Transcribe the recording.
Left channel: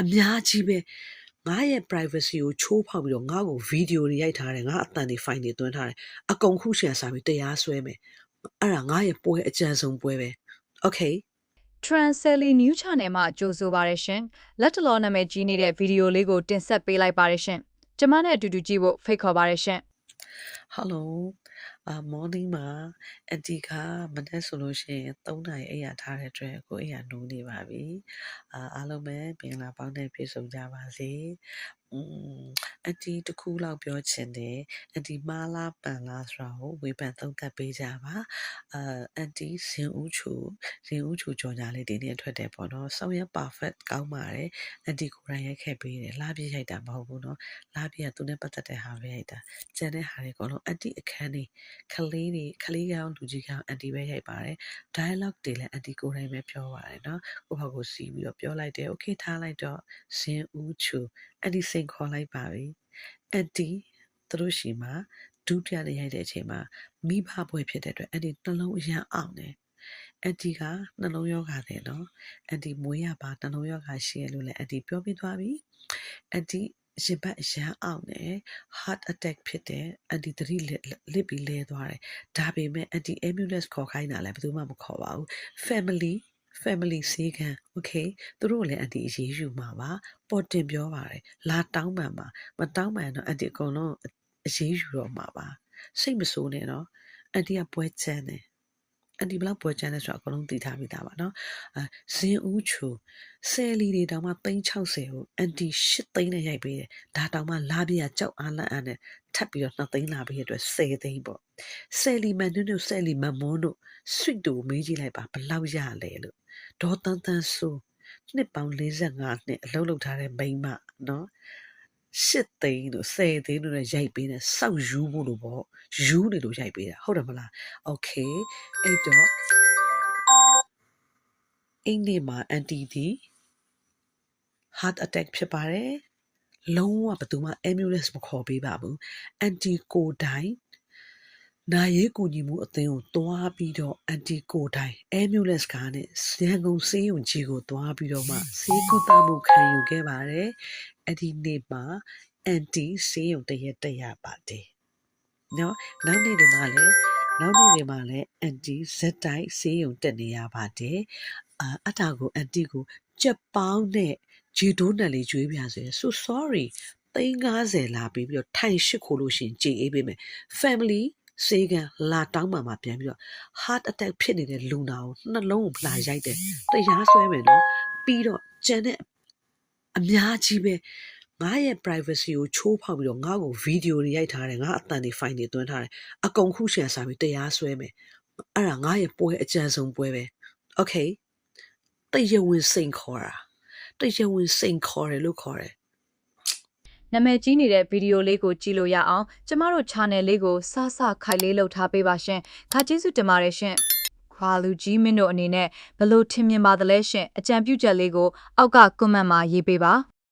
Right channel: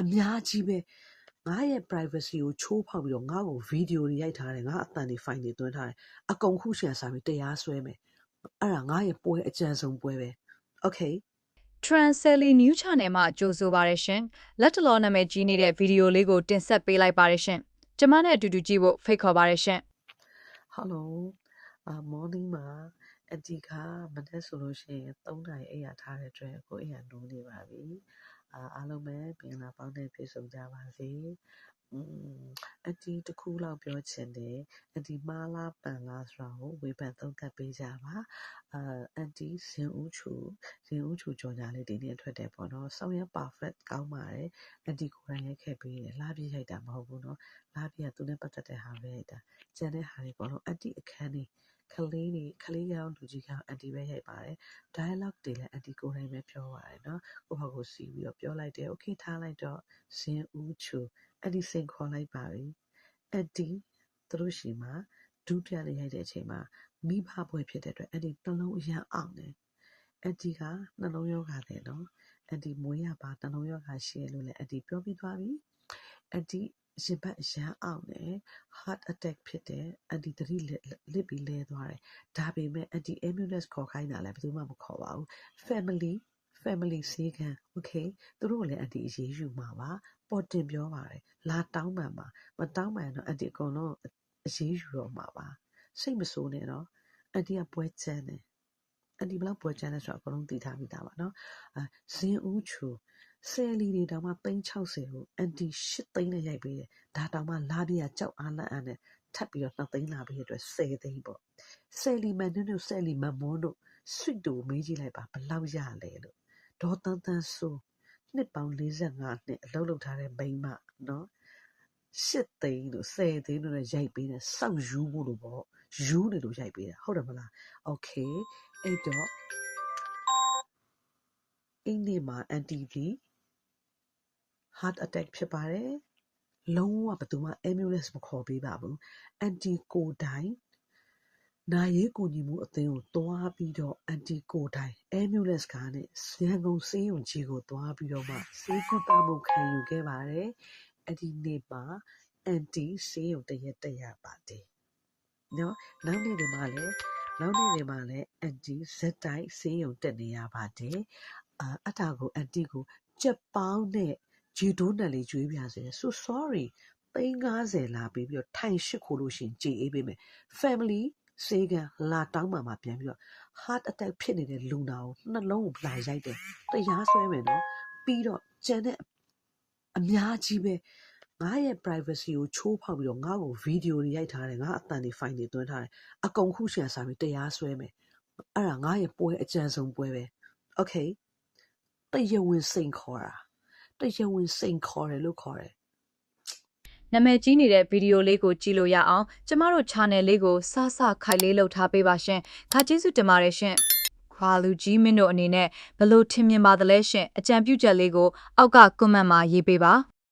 အများကြီးပဲငါရဲ့ privacy ကိုချိုးဖောက်ပြီးတော့ငါ့ကို video တွေရိုက်ထားတယ်ငါအတန်တွေ file တွေသွင်းထားတယ်အကုန်ခုရှယ်စားပြီးတရားစွဲမယ်အဲ့ဒါငါရဲ့ပွဲအကြံဆုံးပွဲပဲ okay Transely New Channel မှာကြိုဆိုပါရရှင်လက်တလောနာမည်ကြီးနေတဲ့ဗီဒီယိုလေးကိုတင်ဆက်ပေးလိုက်ပါရရှင်ကျမနဲ့အတူတူကြည့်ဖို့ဖိတ်ခေါ်ပါရရှင် hello morning မှာအန်တီကမနေ့ဆိုလို့ရှိရင်3နာရီအိပ်ရထားတဲ့အတွက်ကိုအိပ်ရနိုးနေပါပြီအားလုံးပဲပင်လာပေါင်းနဲ့ပြည့်စုံကြပါစေအန်တီတခုလောက်ပြောချင်တယ်အန်တီမားလားပန်လားဆိုတာကိုဝေဖန်သုံးသပ်ပေးကြပါအန်တီဇင်ဦးချိုကြော်ညာလေးတင်းတင်းထွက်တယ်ပေါ့နော်ဆောင်းရ perfect ကောင်းပါတယ်အန်တီကိုယ်တိုင်ရိုက်ခဲ့ပေးတယ်လာပြည့်ရိုက်တာမဟုတ်ဘူးနော်လာပြည့်ကသူနဲ့ပတ်သက်တဲ့ဟာပဲရိုက်တာကျန်တဲ့ဟာတွေကတော့အန်တီအခန်းနေကလေးကောင်လူကြီးကောင်အန်တီပဲရိုက်ပါတယ် dialogue တွေလည်းအန်တီကိုယ်တိုင်ပဲပြောပါတယ်နော်ကိုယ့်ဘာကိုစီးပြီးတော့ပြောလိုက်တယ် okay ထားလိုက်တော့ဇင်ဦးချိုအန်တီစိန်ခေါ်လိုက်ပါပြီအန်တီသူတို့ရှိမှာဒုတိယနေ့ရိုက်တဲ့အချိန်မှာမိဘဘွဲဖြစ်တဲ့အတွက်အန်တီနှလုံးအရန်အောင်တယ်အန်တီကနှလုံးယောဂါတယ်နော်အန်တီမွေးရပါနှလုံးယောဂါရှိရလို့လည်းအန်တီပြောပြသွားပြီအန်တီရင်ဘတ်အရန်အောင်တယ် heart attack ဖြစ်တယ်အန်တီသတိလစ်ပြီးလဲသွားတယ်ဒါပေမဲ့အန်တီ ambulance ခေါ်ခိုင်းတာလည်းဘယ်သူမှမခေါ်ပါဘူး family ဆေးခန်း okay သူတို့လည်းအန်တီအရေးယူမှာပါပေါ်တင်ပြောပါတယ်လာတောင်းပန်ပါမတောင်းပန်တော့အန်တီအကုန်လုံးအရေးယူတော့မှာပါစိတ်မဆိုးနဲ့နော်အန်တီကပွဲချမ်းတယ်အန်တီဘလောက်ပွဲချမ်းလဲဆိုတော့အကုန်လုံးသိထားပြီးသားပါနော်ဇင်ဦးချိုဆယ်လီတွေတောင်မှ360ကိုအန်တီ8သိန်းနဲ့ရိုက်ပေးတယ်ဒါတောင်မှလာပြရကြောက်အားလန့်အားနဲ့ထပ်ပြီးတော့2သိန်းလာပေးရတဲ့အတွက်10သိန်းပေါ့ဆယ်လီမန်တို့ဆယ်လီမန်မွန်းတို့ sweet တို့မေးကြည့်လိုက်ပါဘလောက်ရလဲလို့ဒေါ်တန်းတန်းဆိုနှစ်ပေါင်း45နှစ်အလုပ်လုပ်ထားတဲ့မိန်းမနော်8သိန်းတို့10သိန်းတို့နဲ့ရိုက်ပေးတယ်စောက်ယူဖို့လို့ပေါ့ယူနေလို့ရိုက်ပေးတာဟုတ်တယ်မလားโอเคအဲ့တော့အင်းနေ့မှာအန်တီဒီ heart attack ဖြစ်ပါတယ်လုံးဝဘယ်သူမှ ambulance မခေါ်ပေးပါဘူးအန်တီကိုတိုင်နာရေးကူညီမှုအသင်းကိုတွားပြီးတော့အန်တီကိုတိုင် ambulance ကားနဲ့ရန်ကုန်ဆေးရုံကြီးကိုတွားပြီးတော့မှဆေးကုသမှုခံယူခဲ့ပါတယ်အဲ့ဒီနေ့မှာအန်တီဆေးရုံတရက်တက်ရပါတယ်နော်နောက်နေ့တွေမှာလည်းအန်တီဇက်တိုက်ဆေးရုံတက်နေရပါတယ်အတားကိုအန်တီကိုကြက်ပေါင်းနဲ့ဂျီတိုးနယ်လေးကျွေးပြဆိုရင် so sorry 350လာပြီးတော့ထိုင်ရှိခိုးလို့ရှင်ကြေအေးပေးမယ် family စေကလာတောင်းမှပြန်ပြီးတော့ heart attack ဖြစ်နေတဲ့လူနာကိုနှလုံးကိုလာရိုက်တယ်တရားစွဲမယ်နော်ပြီးတော့ကျန်တဲ့အများကြီးပဲငါရဲ့ privacy ကိုချိုးဖောက်ပြီးတော့ငါ့ကို video တွေရိုက်ထားတယ်ငါအတန်တွေ file တွေသွင်းထားတယ်အကုန်ခုရှယ်စားပြီးတရားစွဲမယ်အဲ့ဒါငါရဲ့ပွဲအကြံဆုံးပွဲပဲ okay တရားဝင်စိန်ခေါ်တယ်လို့ခေါ်တယ်နာမည်ကြီးနေတဲ့ဗီဒီယိုလေးကိုကြည့်လို့ရအောင်ကျမတို့ channel လေးကိုစခိုင်လေးလုပ်ထားပေးပါရှင်ခါကျေးဇူးတင်ပါတယ်ရှင်ခွာလူကြီးမင်းတို့အနေနဲ့ဘလို့ထင်မြင်ပါသလဲရှင်အကြံပြုချက်လေးကိုအောက်က comment မှာရေးပေးပါ